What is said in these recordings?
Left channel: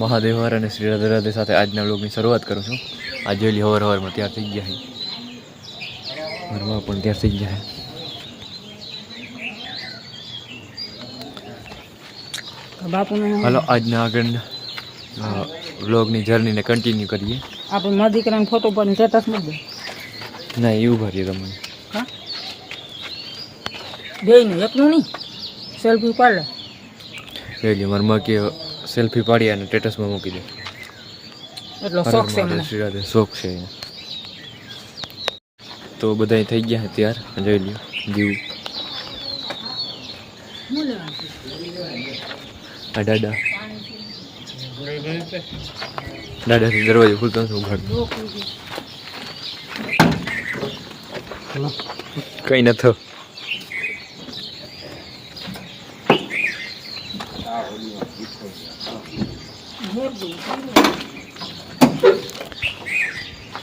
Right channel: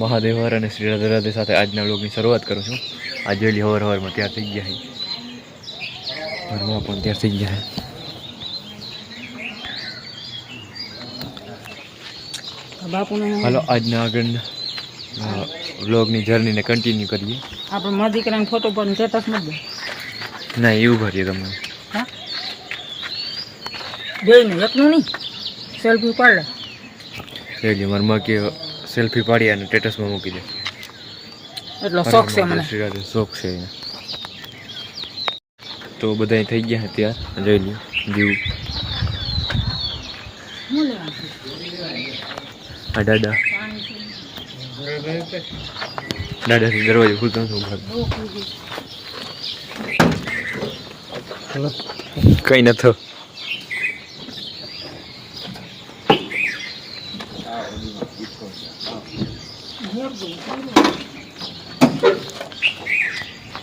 મહાદેવ હર અને શ્રી રાધે રાધે સાથે આજના વ્લોગની શરૂઆત કરું છું. આ જેલી હવારમાં તૈયાર થઈ ગયા છે, ઘરમાં પણ તૈયાર થઈ ગયા છે. હાલો આજના આગળના વ્લોગની જર્નીને કન્ટિન્યુ કરીએ. આપણે મારા દીકરાને ફોટો પાડીને સ્ટેટસ મૂકી દે. ના એવું ભરીએ તમે હા બેયને એકનું નહીં સેલ્ફી પાડે એટલે મારા કે સેલ્ફી પાડી અને સ્ટેટસમાં મૂકી દે એટલો શોખ છે મને. શોખ છે એને. તો બધા થઈ ગયા ત્યાર જોઈ લ્યો દીવ આ દાદા દાદાથી દરવાજો ખુલતો નથી ઉઘાડતો કઈ નથો.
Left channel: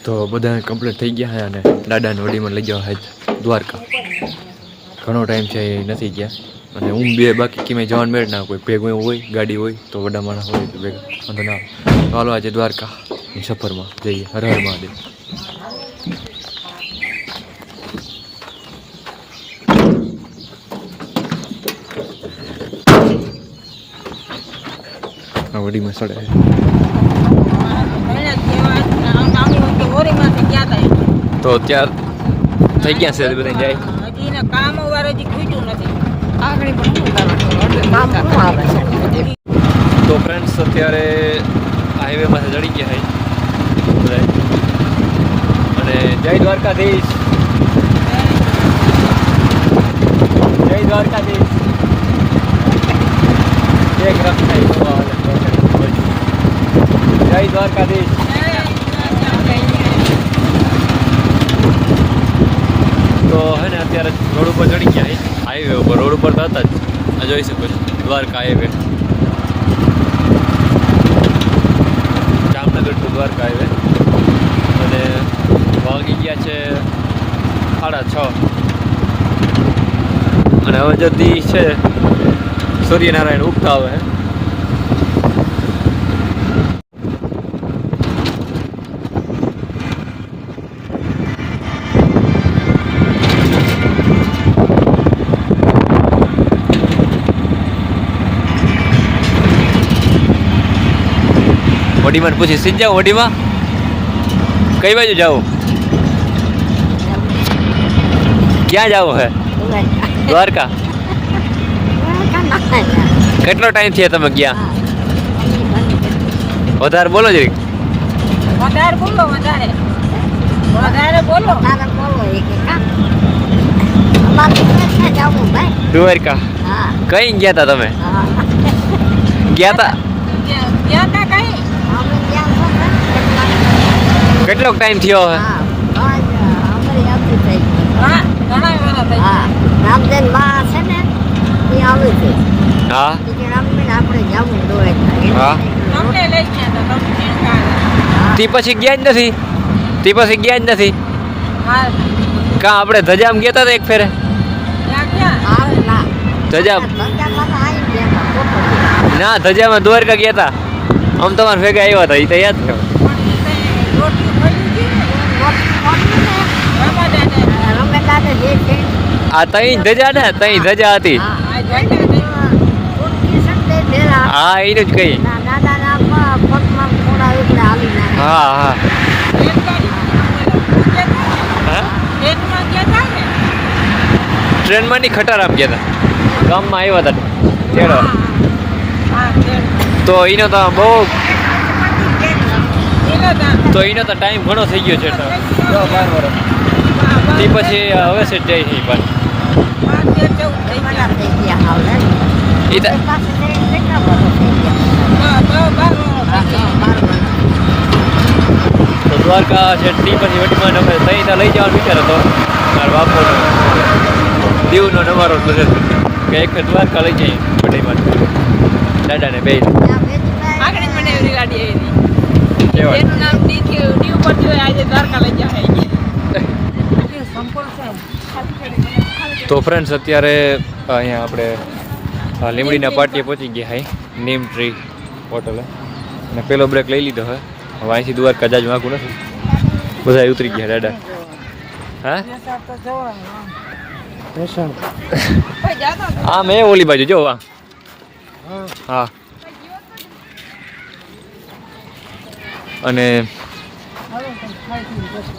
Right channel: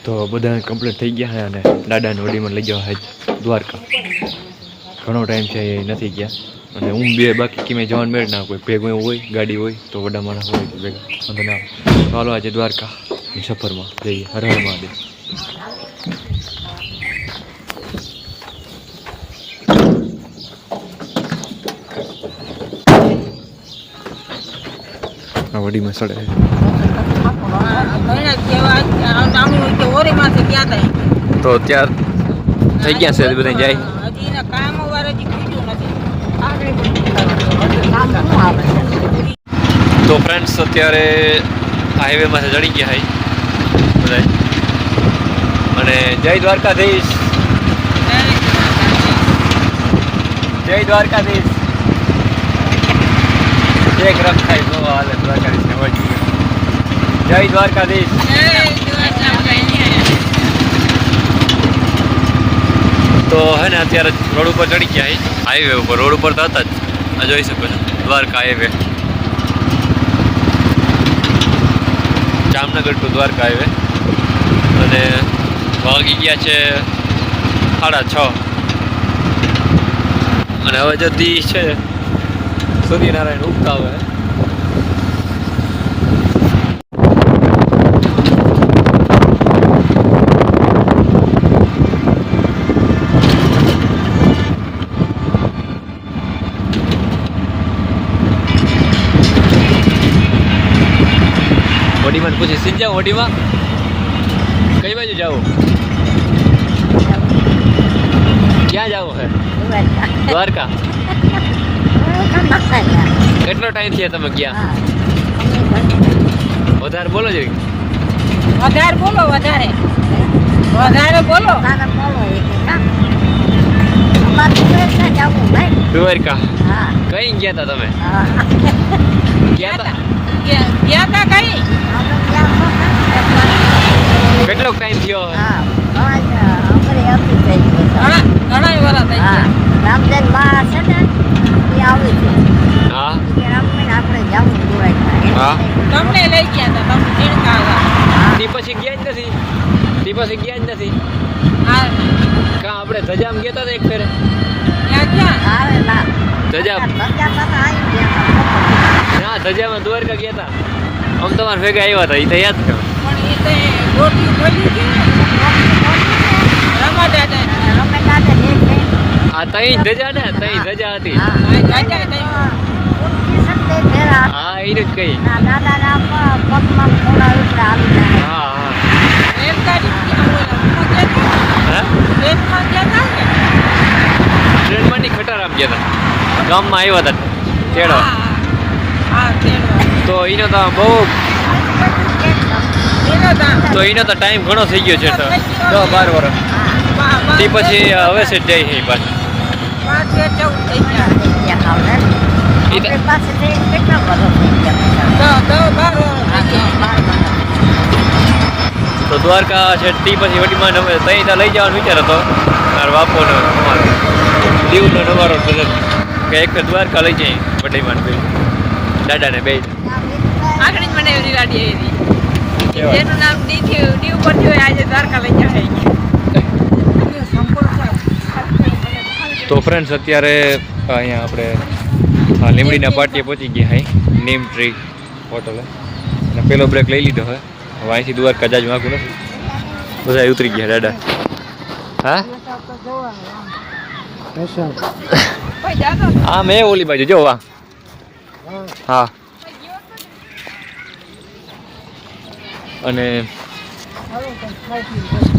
તો બધા કમ્પ્લીટ થઈ ગયા છે અને દાદાને હોડીમાં લઈ જવા છે દ્વારકા. ઘણો ટાઈમ છે એ નથી ગયા અને હું બે બાકી કિમે જવાનું મેળ ના કોઈ ભેગું એવું હોય ગાડી હોય તો વડા માણસ હોય તો ભેગા વાંધો ના આવે. ચાલો આજે દ્વારકાની સફરમાં જઈએ. હર હર મહાદેવ. આ વડીમાં સડે તો ત્યાર થઈ ગયા છે બધા જાય. તો ફ્રેન્ડ્સ અત્યારે હાઈવેમાં ચડી ગયા છે બધા અને જય દ્વારકાધીશ, જય દ્વારકાધીશ. એક રખ થાય તો હાલે દ્વારકાધીશ. જય દ્વારકાધીશ. તો હે ને અત્યારે રોડ ઉપર ચડી ગયા છે હાઈવે ઉપર. રોડ ઉપર તો હતા જ આ જોઈ શકો છો Dwarka highway, Jamnagar to Dwarka highway. અને વાગી ગયા છે 6:30 અને હવે જતી છે સૂર્યનારાયણ ઉગતા આવે. વડીમાં પૂછી સીધ જાઓ. વડીમાં કઈ બાજુ જાઓ, ક્યાં જાઓ હે? દ્વારકા. કેટલો ટાઈમ થયા તમે ગયા? વધારે બોલો જરીક. વધારે બોલો, વધારે વધારે બોલો. દ્વારકા કઈ ગયા તા તમે? ગયા તા કઈ કેટલો ટાઈમ થયો? હા તે પછી ગયા જ નથી. તે પછી ગયા જ નથી. કા આપણે ધજામ ગયા હતા એક ફેરે? ધજામ ના, ધજામાં દ્વારકા ગયા હતા. આમ તમારે ભેગા આવ્યા હતા એ તો યાદ કરો. આ તઈ ધજા ને તઈ ધજા હતી. હા એનું જ કઈ. હા હા ટ્રેનમાં ની ખટારામ ગયા હતા. ગામમાં આવ્યા હતા તેડો. તો એનો તો બહુ તો એનો તો ટાઈમ ઘણો થઈ ગયો છે. 10-12 વર્ષ. તે પછી હવે છે જાય છે પાછું. તો દ્વારકા છે તે પછી વટીમાં અમે ત્યાં લઈ જવાનો વિચાર હતો. મારા બાપોનો દીવનો નવારો કે એક દ્વારકા લઈ જઈએ વટીમાં દાદાને બે આગળ મને એવી ગાડી આવી જેનું નામ ડી ઉપર થયું આજે દ્વારકા લઈ જાય. તો ફ્રેન્ડ્સ અત્યારે અહીંયા આપણે લીમડીના પાટીએ પહોંચી ગયા હાઈ નીમ ટ્રી હોટલે. અને પેલો બ્રેક લઈ લીધો હવે અહીંથી દ્વારકા જાજ વાંકું નથી બધા ઉતરી ગયા દાદા હા હા મેં ઓલી બાજુ જો વાહ હા અને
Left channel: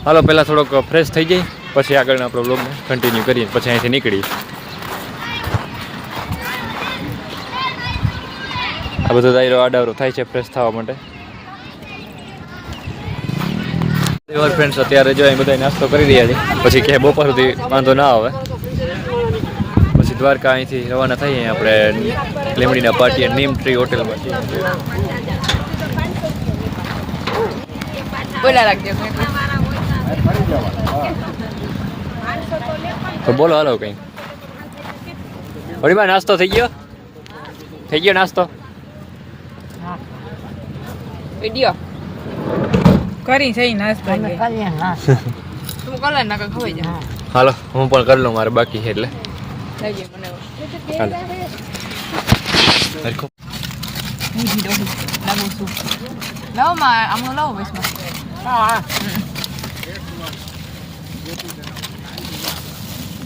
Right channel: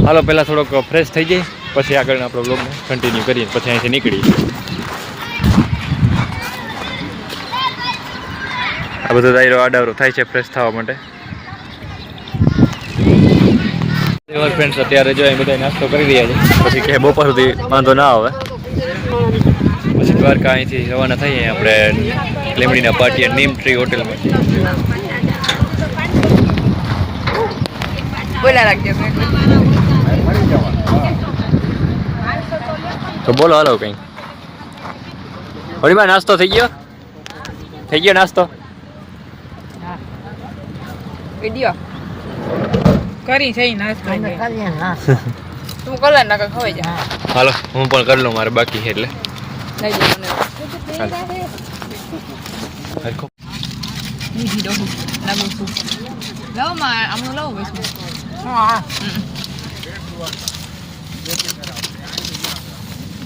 હાલો પહેલાં થોડોક ફ્રેશ થઈ જાય પછી આગળના આપણો બ્લોગને કન્ટિન્યુ કરીએ પછી અહીંથી નીકળીએ આ બધો દાયરો આડાવરો થાય છે ફ્રેશ થવા માટે ફ્રેન્ડ્સ અત્યારે જો અહીં બધા નાસ્તો કરી રહ્યા છે પછી કે બપોર સુધી વાંધો ના આવે પછી દ્વારકા અહીંથી રવાના થઈએ આપણે લીમડીના પાટીએ નીમ ટ્રી હોટલમાંથી બોલા રાખજો તો બોલો હાલો કંઈ હરીમાં નાસ્તો થઈ ગયો નાસ્તો વિડિયો કરી થઈ નાસ્તો તું કલર ના ખવાઈ જા હાલો હું પણ કરી લઉં મારે બાકી છે એટલે મીઠી ડોડી લાગુ છું લાવો માં આમનો લાવો બસ હા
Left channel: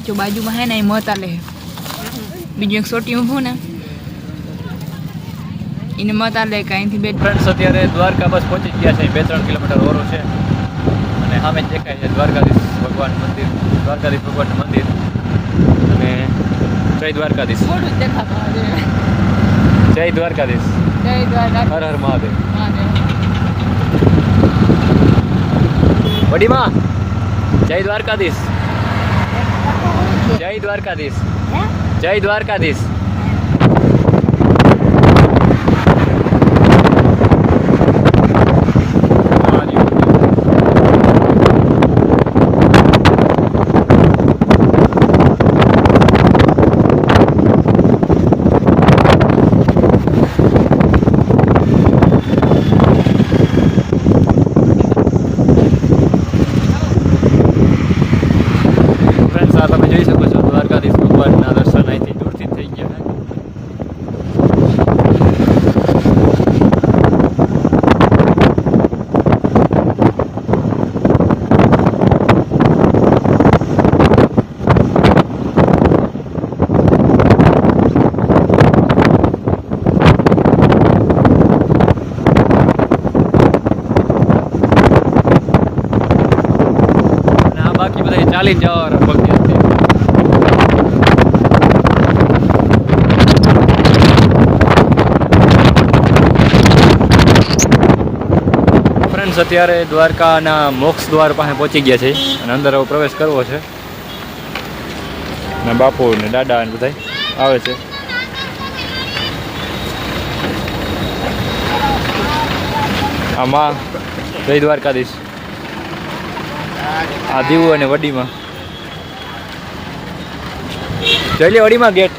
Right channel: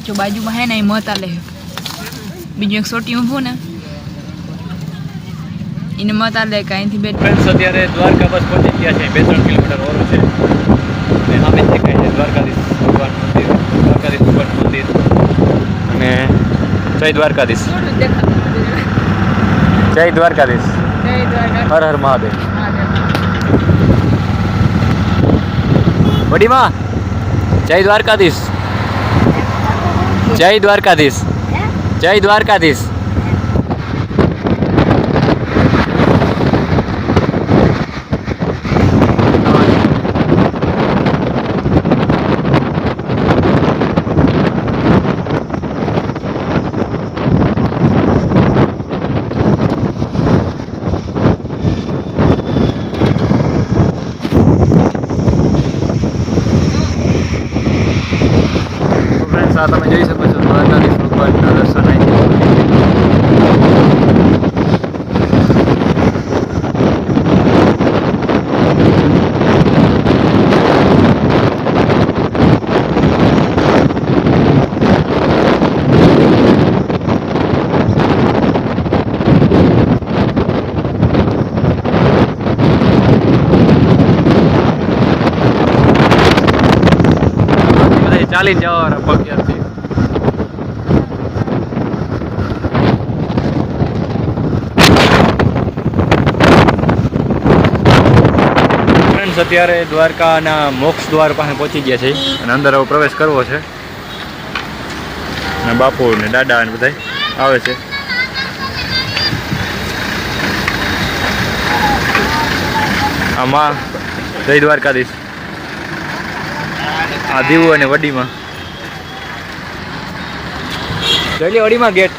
જો બાજુમાં હે ને એ મત આલે બીજું એક સોટી ઊભું ને એને મત આલે કાંઈથી બે ફ્રેન્ડ્સ અત્યારે દ્વારકા બસ પહોંચી ગયા છે 2-3 કિલોમીટર ઓરું છે અને સામે દેખાય છે દ્વારકાધીશ ભગવાન મંદિર અને જય દ્વારકાધીશ જય દ્વારકાધીશ હર હર મહાદેવ વડીમાં જય દ્વારકાધીશ જય દ્વારકાધીશ જય દ્વારકાધીશ તમે જોઈ શકો છો દ્વારકાધીશ ભગવાનના દર્શન અહીંથી ચાલીને જવા પગથી અત્યારે દ્વારકાના મોક્ષ દ્વાર પાસે પહોંચી ગયા છે અને અંદર હવે પ્રવેશ કરવો છે અને બાપુ ને દાદા ને બધા આવે છે આમાં જય દ્વારકાધીશ આ દીવું અને વડીમાં જઈ લે વડીમાં ગેટ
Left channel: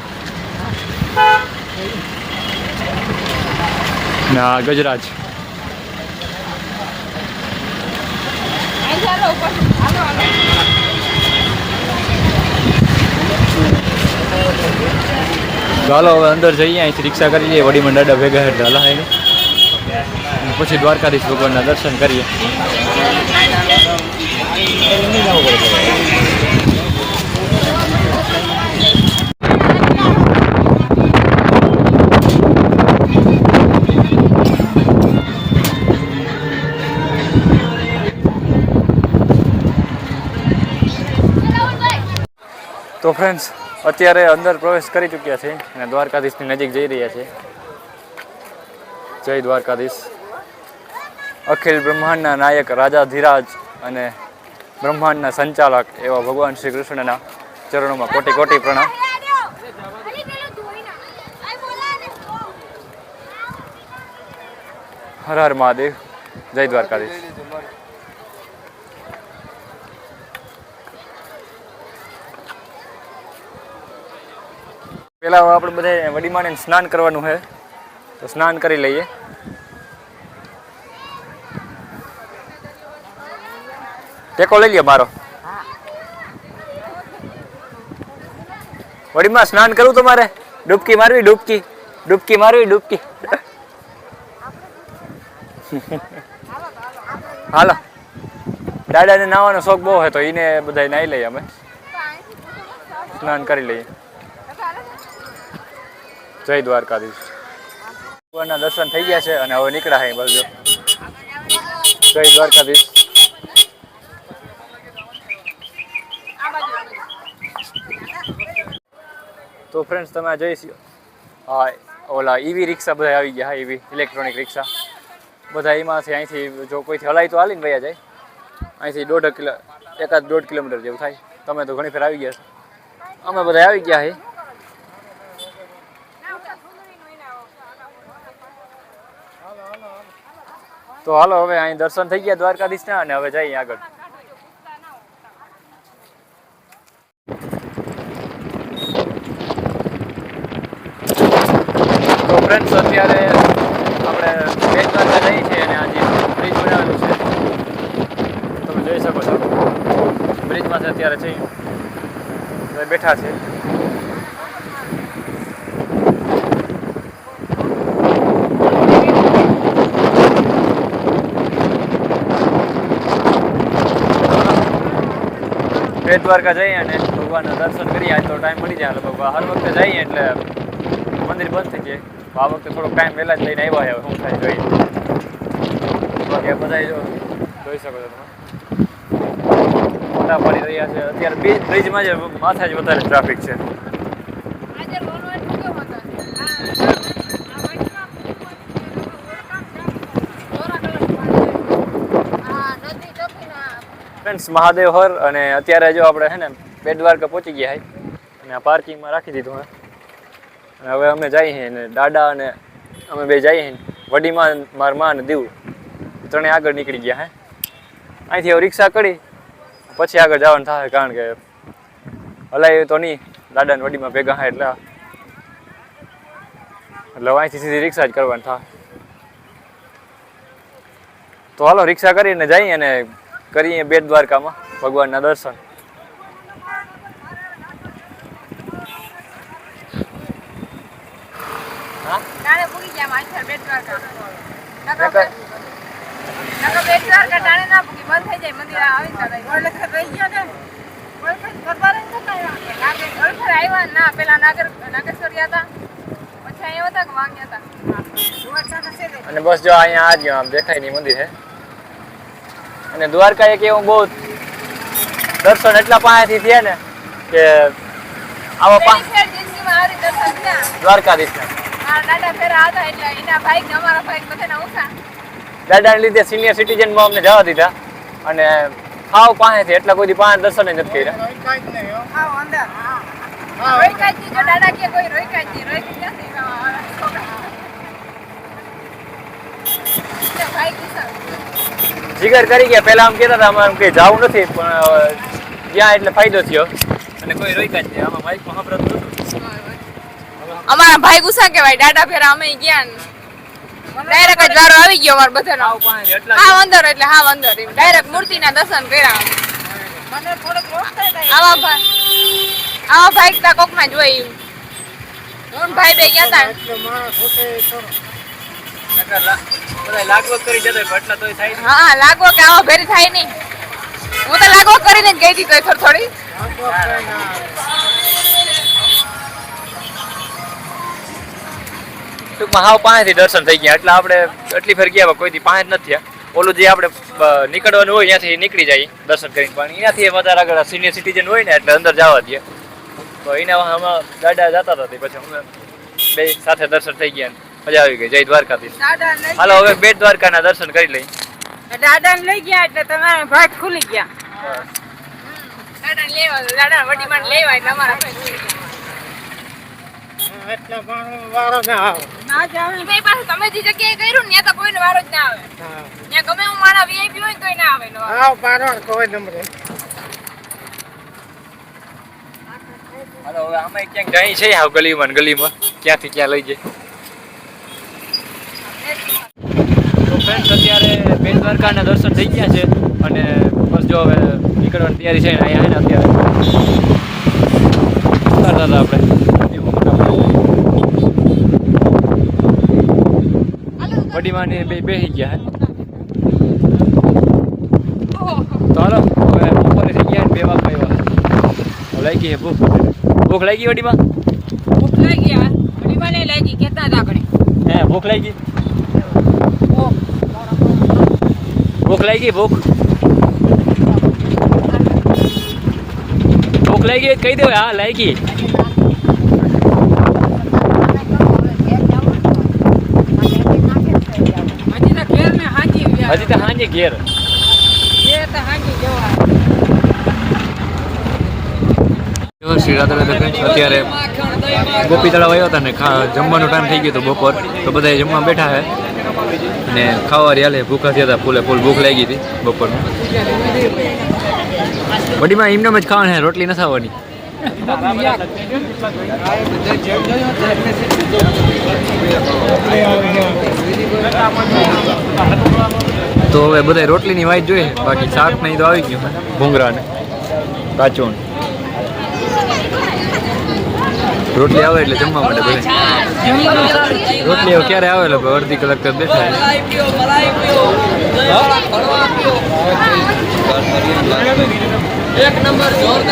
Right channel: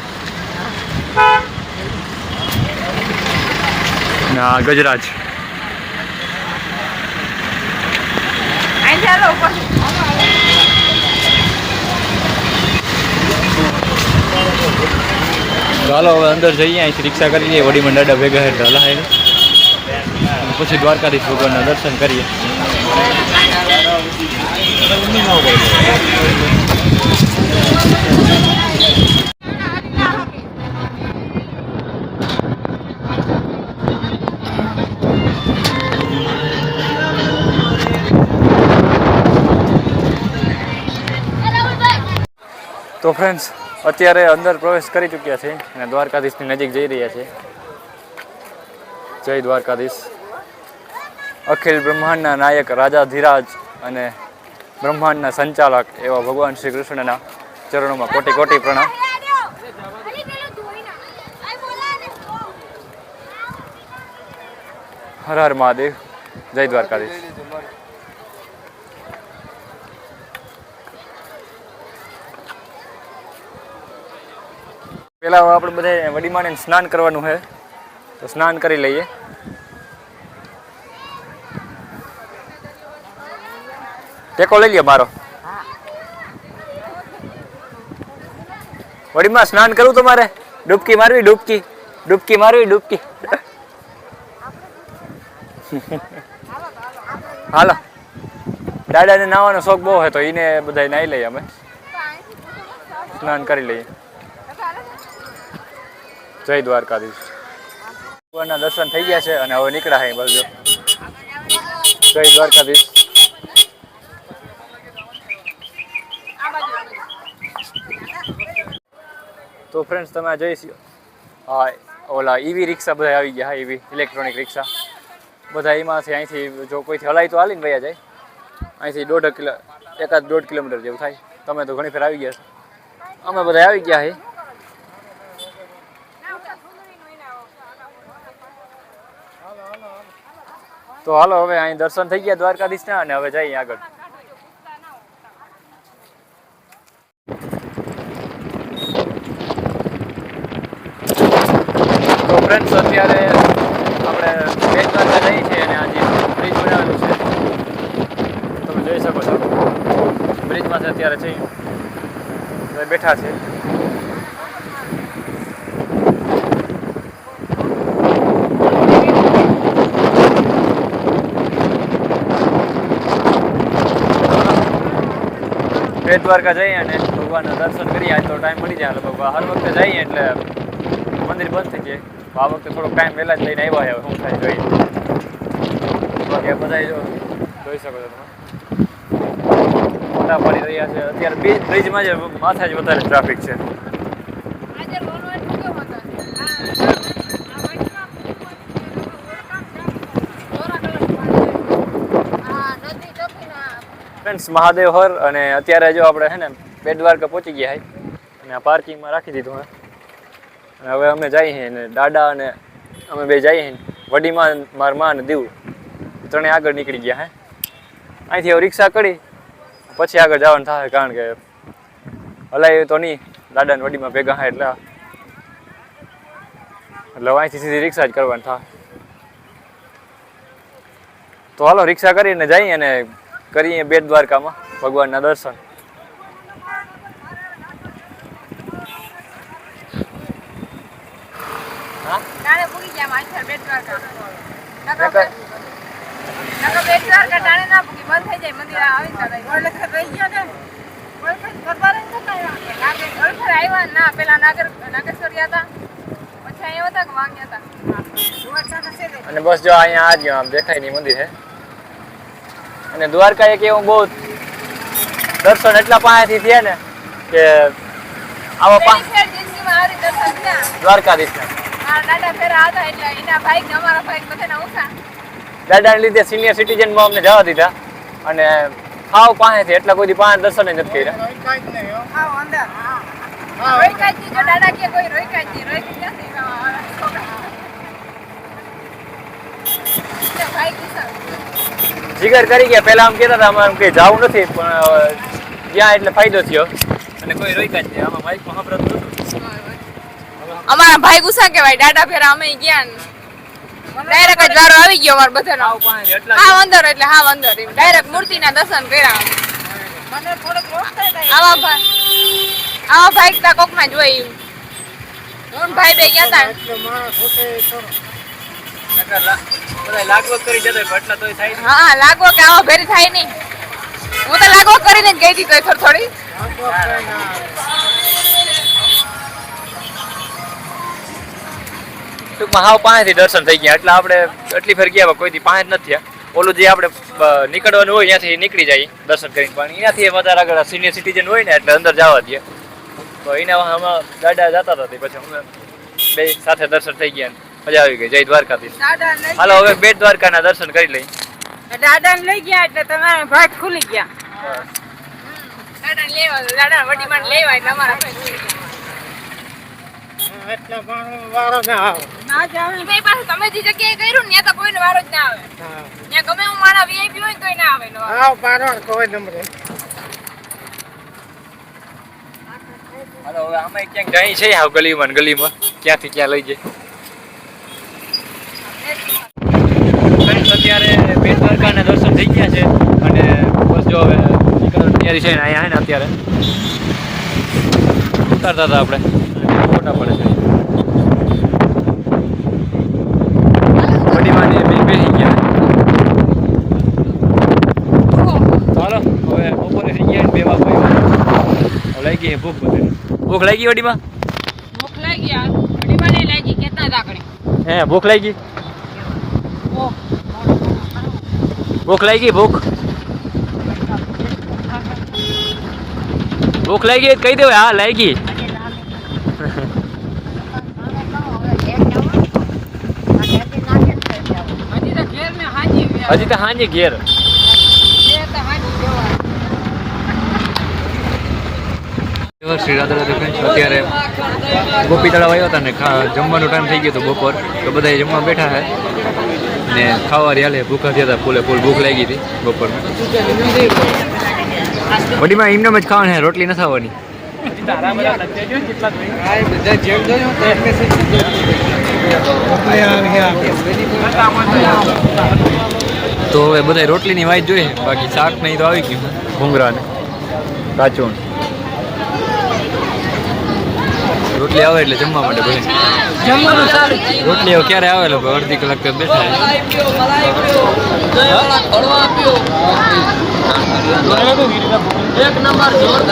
ના ગજરાજ ચાલો હવે અંદર જઈએ અહીંથી રિક્ષા કરી લઈએ વડીમાં દાદા ભેગા એટલે હલાય પછી દ્વારકાધીશ ભગવાનના દર્શન કરીએ તો ફ્રેન્ડ્સ અત્યારે અંદર પ્રવેશ કરી ચૂક્યા છે અને દ્વારકાધીશની નજીક જઈ રહ્યા છે જય દ્વારકાધીશ અખિલ બ્રહ્માંડના નાયક રાજાધિરાજ અને બ્રહ્માંડના સંચાલક એવા ભગવાન શ્રી કૃષ્ણના ચરણોમાં કોટી કોટી પ્રણામ હર હર મહાદેવ જય દ્વારકાધીશ પેલા આપણે બધા વડીમાને સ્નાન કરવાનું છે તો સ્નાન કરી લઈએ ટેકો લઈ લ્યો મારો વડીમાં સ્નાન કરવું તમારે ડૂબકી મારવી ડૂબકી મારવી હાલો દાદાને નાવાનો શોખ બહુ હોય તો એને બધા નાહી લઈએ અમે સ્નાન કરી લઈએ. જય દ્વારકાધીશ. ભગવાનના દર્શન થઈ ગયા છે અને હવે નીકળ્યા છે બાજુ. જય દ્વારકાધીશ. તો ફ્રેન્ડ્સ તમે આ જોઈ હા ઓલા ઈવી રિક્ષા બધા આવી ગયા. હા ઈવી ઇલેક્ટ્રોનિક રિક્ષા બધા એમાંથી અહીંથી જો કોઈથી હલાય તો હાલીને વયા જાય. અહીંથી 1.5 કિલોમીટર જેવું થાય. તમે તો ઘણી ફેર આવી ગયા છો. અમે બધા આવી ગયા છે. તો હાલો હવે અહીં દર્શન થઈ ગયા દ્વારકાધીશના અને હવે જઈએ આગળ. તો ફ્રેન્ડ્સ અત્યારે આપણે બેટ દ્વારકા જઈએ છીએ અને આજે બ્રિજ બનાવેલું છે તમે જોઈ શકો છો. બ્રિજમાંથી અત્યારે છે બેઠા છે. બેટ દ્વારકા જઈએ અને ભગવાનના દર્શન કરીએ. આજ તો ટાઈમ મળી જાય લગભગ. હર વખતે જઈએ એટલે મંદિર બંધ થઈ જાય. આ વખતે થોડોક ટાઈમ વહેલા જ લઈને આવ્યા છે. શું થાય જોઈએ. બાકી બધા જોઈ શકો છો તમે ફોટા પાડી રહ્યા છે. અત્યારે બ્રિજમાં જ માથે જ વધારે ટ્રાફિક છે. ફ્રેન્ડ્સ મહાદેવ હર અને અત્યારે જો આપણે છે ને બેટ દ્વારકા પહોંચી ગયા છે અને આ પાર્કિંગમાં રાખી દીધું હે. અને હવે અમે જઈએ છીએ ને દાદા અને અમે બે જઈએ છીએ. વડીમાં મારા માં અને દીવ ત્રણે આગળ નીકળી ગયા હે. અહીંથી હવે રિક્ષા કરી પછી આગળ જવાનું થાય કારણ કે હલાય તો નહીં. દાદા ને વડીમાં ભેગા હા એટલે અહીંથી સીધી રિક્ષા જ કરવાની થાય. તો હાલો રિક્ષા કરીને જઈએ અને કરીએ બેટ દ્વારકામાં ભગવાનના દર્શન. અને બસ જો અહીંયા આ જ આમ દેખાય નહીં મંદિર છે. અને દ્વારકા એક એવું બહુ દર્શન એટલા પાસેથી થયા ને કે આવા દ્વારકાધીશ દાદાને લીધે સિનિયર સિટીઝનમાં અમને જવા દીધા અને હાવ પાસેથી એટલા કોઈ 5 દર્શન નથી કર્યા. જીગર કરી ગયા. પેલા આમ કહેતા હતા આમ કઈ જવું નથી પણ જ્યાં એટલે ફાયદો થયો અને કોઈ રોક્યા જ નહીં. આમાં માઇકમાં સાંભળતું નતું. અમારા ભાઈ ગુસ્સા કેવાય. દાડા ફેરા અમે ગયા ડાયરેક્ટ જ વારો આવી ગયો અમાર બધાનો. હા અંદર એટલે હા અંદર ડાયરેક્ટ મૂર્તિના દર્શન કર્યા. મને થોડોક રોક થાય આવા ભાઈ તા કોકમાં જોઈ હું ભાઈ બે ગયા તા એટલે મારા ખોટે લાગવગ કરી જતો એટલા તોય થાય. હા લાગવો કે આવા ભેરી થાય નહીં. હું તો લાગવો કરીને જ ગઈ હતી તોય થોડી ટૂંકમાં હાવ પાસેથી દર્શન થઈ ગયા. એટલે આપણે એટલી ફેર ગયા કોઈથી પાસે જ નથી થયા. ઓલું જે આપણે નીકળવાનું હોય ત્યાંથી નીકળી જાય દર્શન કરીને પણ એનાથી વધારે આગળ સિનિયર સિટીઝન હોય ને એટલે અંદર જવા દે તો એના આમાં દાદા જતા હતા. પછી અમે બે સાથે દર્શન થઈ ગયા. મજા આવી ગઈ. જય દ્વારકાધીશ. હાલો હવે બેટ દ્વારકાના દર્શન કરી લઈએ. દાદાને લઈ ગયા એટલે તમારા ભાગ ખુલી ગયા. દાદાને લેવા દાદા વડીમાં લેવાય એટલે અમારા ભાગ ખુલી ગયા. એટલે પણ વારો ના આવે. ના જ આવે. ભાઈ પાસે તમે જે જગ્યાએ કર્યું ને ત્યાં તો કોઈનો વારો જ ના આવે. ત્યાં ગમે હું મારા વીઆઈપી હોય તોય ના આવે. આવ પારો કોઈ નંબર. હાલો હવે અમે ક્યાંક જઈ છે હાવ ગલીમાં ક્યાંથી ક્યાં લઈ જાય. ફ્રેન્ડ્સ અત્યારે બેટ દ્વારકાના દર્શન થઈ ગયા છે અને બસ જો હવે નીકળવાની તૈયારી છે ને અહીંયા ને અત્યારે ઉતારતા હતા આપણે મોટા પડે વડીમાં ને બેસી ગયા. લાગે ભૂખ લાગી વડીમાં ભૂખ લાગી યાર મને લાગી કેટલા દાગણે હે ભૂખ લાગી ભૂખ લાગી ભૂખ લાગી કહી દો હા લાગી હજી તો હાંજે ઘેર શ્રી રાધા રાધા ફ્રેન્ડ્સ અત્યારે ગોપી તળાવ આવ્યો હતા ને જમવાનો ટાઈમ થઈ ગયો હતો બપોર તો બધા જમવા બેઠા છે ને ખાવાની હાલે ભૂખા થયા હતા ફૂલે ફૂલ ભૂખ લાગી હતી બપોરમાં વડીમાં એમને જ ખાવાનું છે રોટલી નથી આવવાની તો હવે બધા રોટલીની વાઈટ જોઈએ બાકી શાક નહીં તો આવી ગયું ભૂંગરા ને કાચોણ રોટલી આવે એટલે જમવા માટે બધા રોટલી હવે ક્યારે આવે એટલે અડધી કલાક તો બેઠા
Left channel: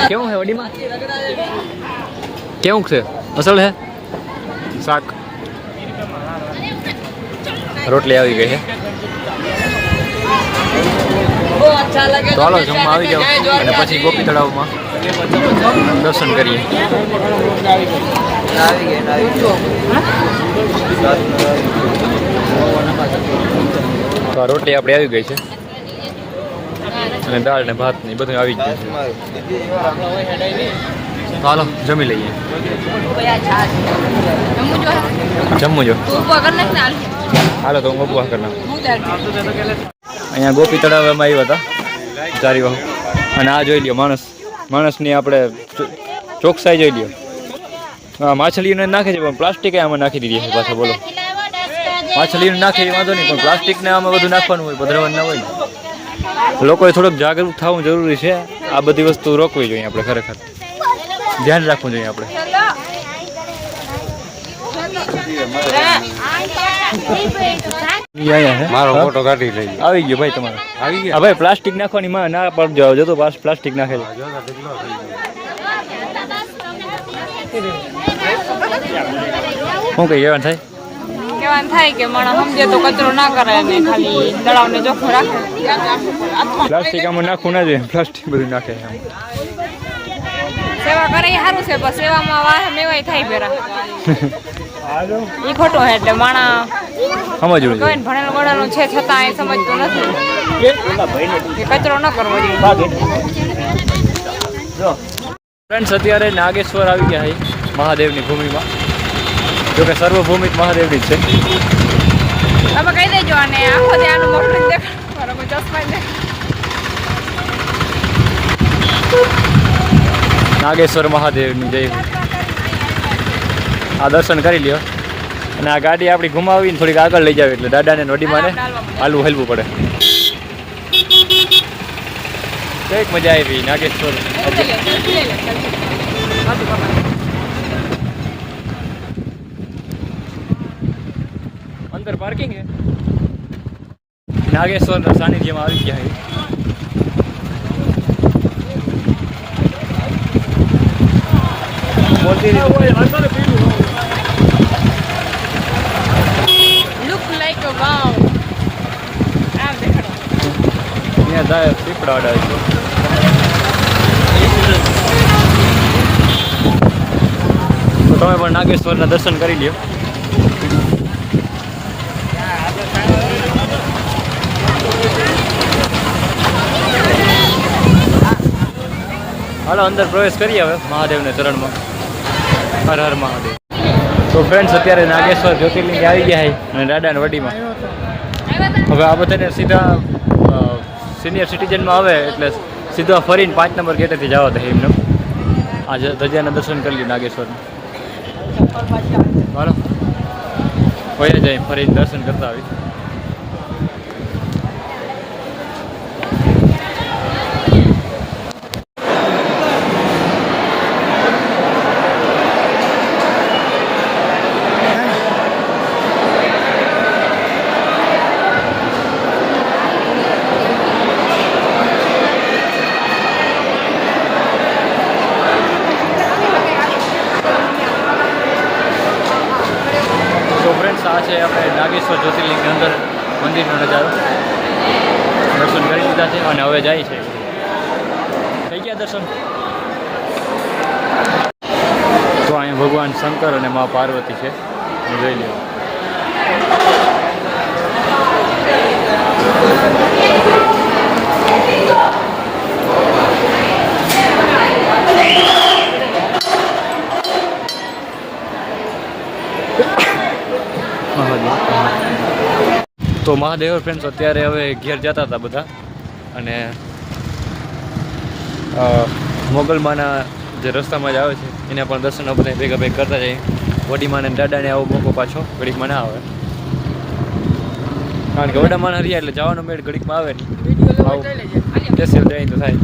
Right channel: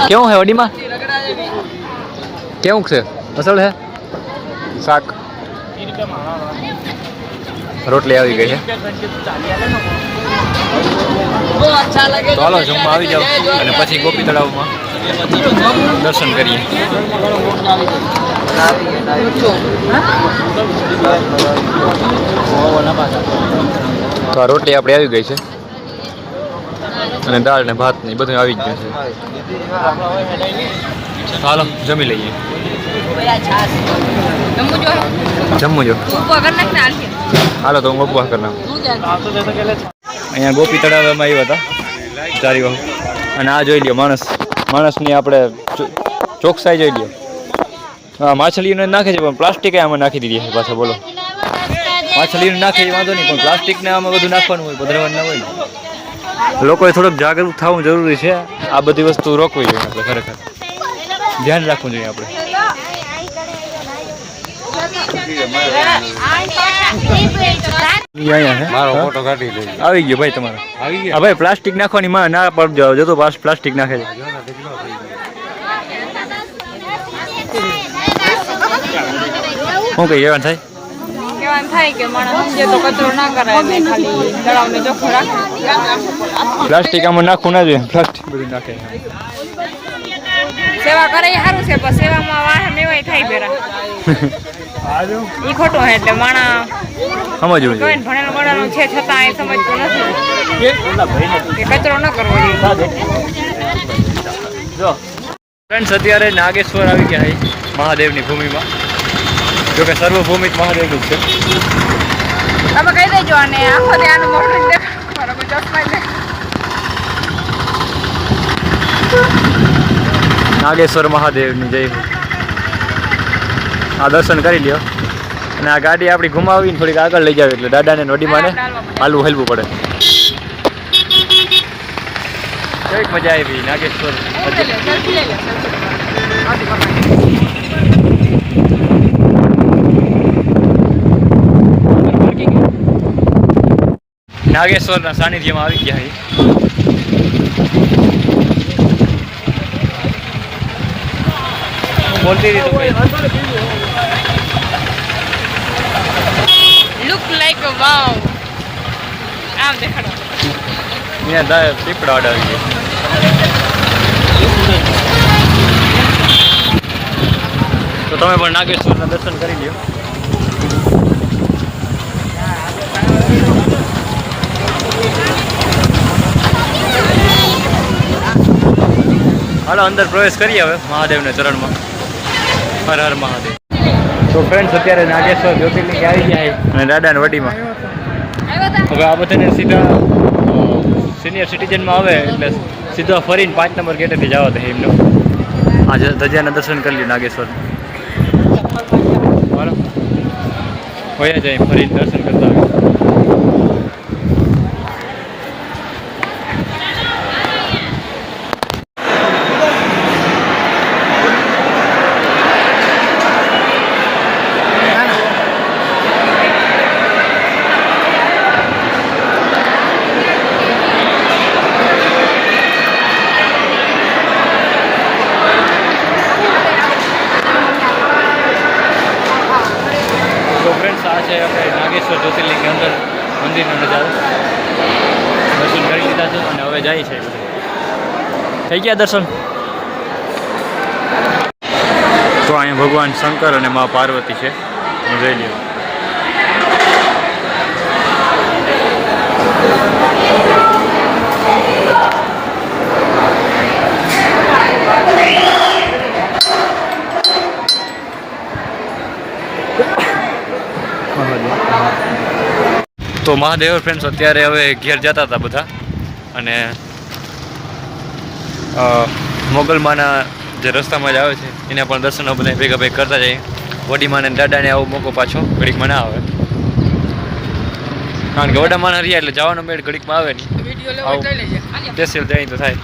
કેવું છે વડીમાં કેવું છે અસલ છે શાક રોટલી આવી ગઈ છે તો હાલો જમવા આવી જાઓ અને પછી ગોપી તળાવમાં દર્શન કરીએ તો આ રોટલી આપણી આવી ગઈ છે અને દાળ ને ભાત ને બધું આવી જ ગયું છે તો હાલો જમી લઈએ જમવું જો હાલો તો હું ઉપવાસ કરી નાખું અહીંયા ગોપી તળાવમાં આવ્યા હતા ચારી વાહુ અને આ જોઈ લ્યો માણસની આપણે ચોકસાઈ જોઈ લ્યો હા માછલીઓને નાખે છે પણ પ્લાસ્ટિક આમાં નાખી દીધી છે પાછા બોલો માછલીઓને નાખે એ વાંધો નહીં પણ પ્લાસ્ટિકને આમાં બધું નાખવાનું હોય પધરાવાનું ના હોય ને લોકોએ થોડુંક જાગૃત થવું જરૂરી છે આ બધી વસ્તુ રોકવી જોઈએ આપણે ખરેખર ધ્યાન રાખવું જોઈએ આપણે આવી ગયો ભાઈ તમારો હા ભાઈ પ્લાસ્ટિક નાખવાની ના પડજો જતો પ્લાસ્ટિક નાખે છે શું કઈ કહેવાનું થાય કે માણસ સમજે તો કચરો ના કરે ને ખાલી તળાવને ચોખ્ખો રાખે પ્લાસ્ટિક આમાં નાખવું ના જોઈએ પ્લાસ્ટિક બધું નાખે સેવા કરે એ સારું છે પણ સેવામાં વાહ મેવાય થાય પેરા ઈ ખોટું છે એટલે માણા સમજવું જોઈએ ભણેલું ગણેલું છે છતાં એ સમજતું નથી કે કચરો ન કરવો જોઈએ ફ્રેન્ડ્સ અત્યારે નાગેશ્વર આવી ગયા છે મહાદેવની ભૂમિમાં જોકે સર્વભૂમિક મહાદેવની જ છે તમે કહી દેજો અને આખો ત્યાંનું મોટું દેખ મારો કોઈ ચશ્મા દેખ નાગેશ્વર મહાદેવની જય આ દર્શન કરી લ્યો અને આ ગાડી આપણી ઘુમાવીને થોડીક આગળ લઈ જાવ એટલે દાદાને નોડીમાંને હાલવું હેલવું પડે કઈક મજા આવી નાગેશ્વર નાગેશ્વરના સાનિધ્યમાં આવી ગયા બોલતી લુક લાઈક અ વાવ આમ દેખાડો અહીંયા દા પીપળા અડાવી છે તો તમે પણ નાગેશ્વરના દર્શન કરી લ્યો હાલો અંદર પ્રવેશ કરીએ હવે મહાદેવના ચરણમાં હર હર મહાદેવ તો ફ્રેન્ડ્સ અત્યારે નાગેશ્વર જ્યોતિર્લિંગ આવી ગયા અને દાદાના વડીમાં હવે આ બધાને સીધા સિનિયર સિટીઝનમાં આવે એટલે સીધા ફરીને 5 નંબર ગેટેથી જવા દે એમનો આ ધજાના દર્શન કરી લ્યો નાગેશ્વર હાલો હોય જાય ફરીને દર્શન કરતા આવે બાગેશ્વર જ્યોતિર્લિંગની અંદર મંદિરનો નજારો દર્શન કરી લીધા છે અને હવે જાય છે થઈ ગયા દર્શન. તો અહીંયા ભગવાન શંકર અને મા પાર્વતી છે, જોઈ લ્યો. તો મહાદેવ ફ્રેન્ડ્સ અત્યારે હવે ઘેર જતા હતા બધા અને મોગલમાના જે રસ્તામાં જ આવે છે એના પણ દર્શનો બધા ભેગા ભેગ કરતા જઈએ. વડીમાને દાદાને આવો મોકો પાછો ઘડીકમાં ના આવે, કારણ કે વડામાન હરિયા એટલે જવાનો મેળ ઘડીકમાં આવે નહીં. સ્પેશિયલ જાય તો થાય.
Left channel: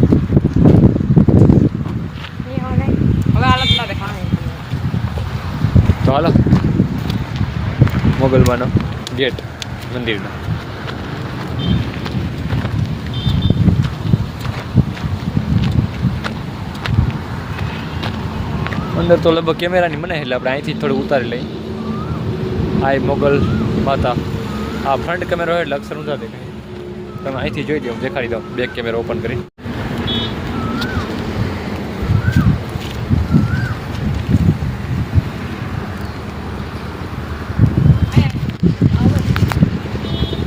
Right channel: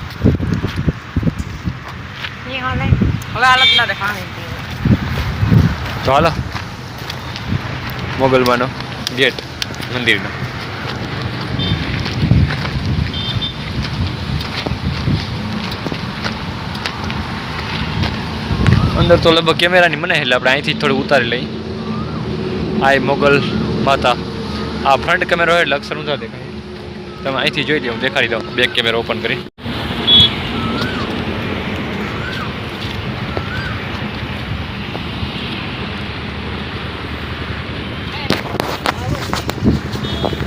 તો હાલો મોગલમાનો ગેટ મંદિરનો. અંદર તો લગભગ કેમેરાની મને એટલે આપણે અહીંથી થોડું ઉતારી લઈએ. આ મોગલ માતા, આ ફ્રન્ટ કેમેરો હોય એટલે અક્ષર ઊંધા દેખાય. તમે અહીંથી જોઈ લો, હું દેખાડી દઉં બેક કેમેરો ઓપન કરી.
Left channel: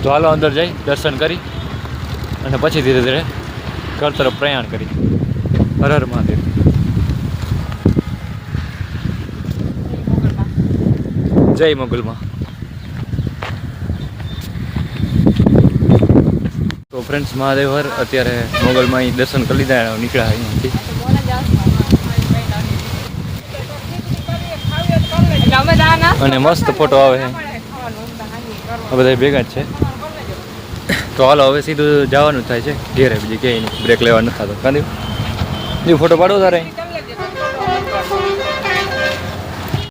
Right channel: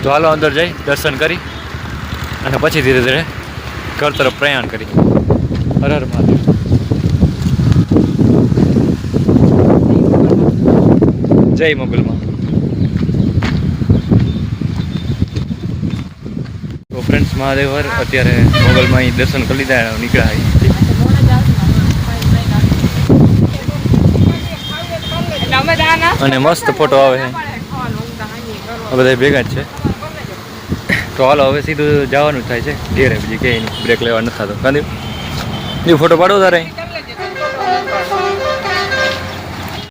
તો હાલો અંદર જઈ દર્શન કરી અને પછી ધીરે ધીરે ઘર તરફ પ્રયાણ કરી. હર હર મહાદેવ. જય મોગલમાં. તો ફ્રેન્ડ્સ મહાદેવ હર અત્યારે મોગલમાં અહીં દર્શન કરી લીધા, નીકળ્યા અહીંથી. અને મસ્ત ફોટો આવે છે, બધા ભેગા જ છે. તો હાલો હવે સીધું જવાનું જ થાય છે ઘેરે, બીજી ક્યાંય નહીં, બ્રેક લેવા નથી થતો. કાંદી ફોટો પાડો તારે.